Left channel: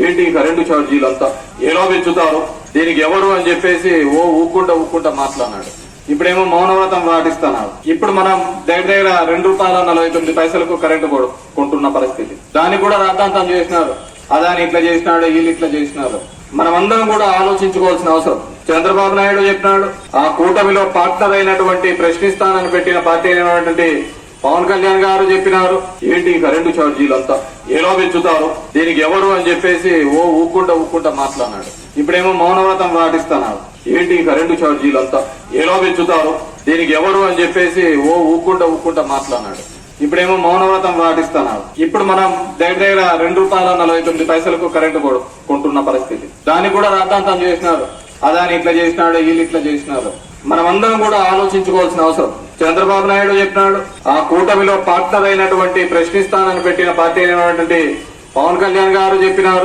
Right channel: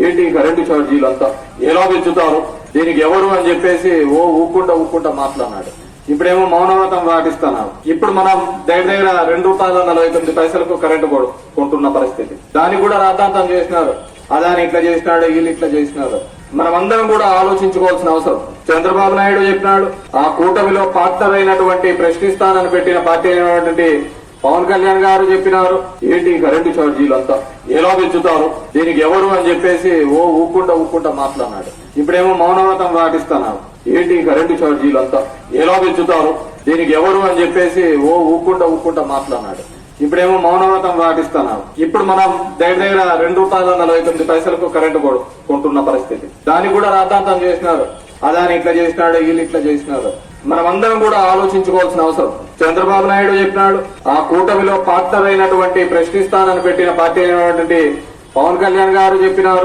ఏంటి కరెంటు ఛార్జీలు అంతా ఎలా పెంచుతారు, దీనికి ఎవరు అని చెప్పేసి ఊక్కుంటా మాట్లాడినాడు. ఇప్పుడేమో మౌనవ్రతం పాటిస్తున్నారు. ఇప్పుడు మనం దగ్గర ₹2.49 కరెంటు కొంటున్న పరిస్థితి. దానికి కూడా రాద్ధాంతం చేసినారు. అదాని ఇట్లా చేసినాడు, వీళ్ళు ఇట్లా చేసినారు. మనమందరం కూడా ఆలోచించుకోవాల్సిన అవసరం. చంద్రబాబు నాయుడు చెప్పినాడు, ఆ కూటమిలో పార్ట్నర్ అయినటువంటి ప్రశ్నిస్తానని పెట్టిన పార్టీ అయినటువంటి పవన్ కళ్యాణ్ గారు చెప్పినారు, ఏంటి కరెంటు ఛార్జీలు అంతా ఎలా పెంచుతారు, దీనికి ఎవరు అని చెప్పేసి ఊక్కుంటా మాట్లాడినాడు. ఇప్పుడేమో మౌనవ్రతం పాటిస్తున్నారు. ఏంటి కరెంటు ఛార్జీలు అంతా ఎలా పెంచుతారు, దీనికి ఎవరు అని చెప్పేసి ఊక్కుంటా మాట్లాడినాడు. ఇప్పుడేమో మౌనవ్రతం పాటిస్తున్నారు. ఇప్పుడు మనం దగ్గర ₹2.49 కరెంటు కొంటున్న పరిస్థితి. దానికి కూడా రాద్ధాంతం చేసినారు. అదాని ఇట్లా చేసినాడు, వీళ్ళు ఇట్లా చేసినారు. మనమందరం కూడా ఆలోచించుకోవాల్సిన అవసరం. చంద్రబాబు నాయుడు చెప్పినాడు, ఆ కూటమిలో పార్ట్నర్ అయినటువంటి ప్రశ్నిస్తానని పెట్టిన పార్టీ అయినటువంటి పవన్ కళ్యాణ్ గారు చెప్పినారు.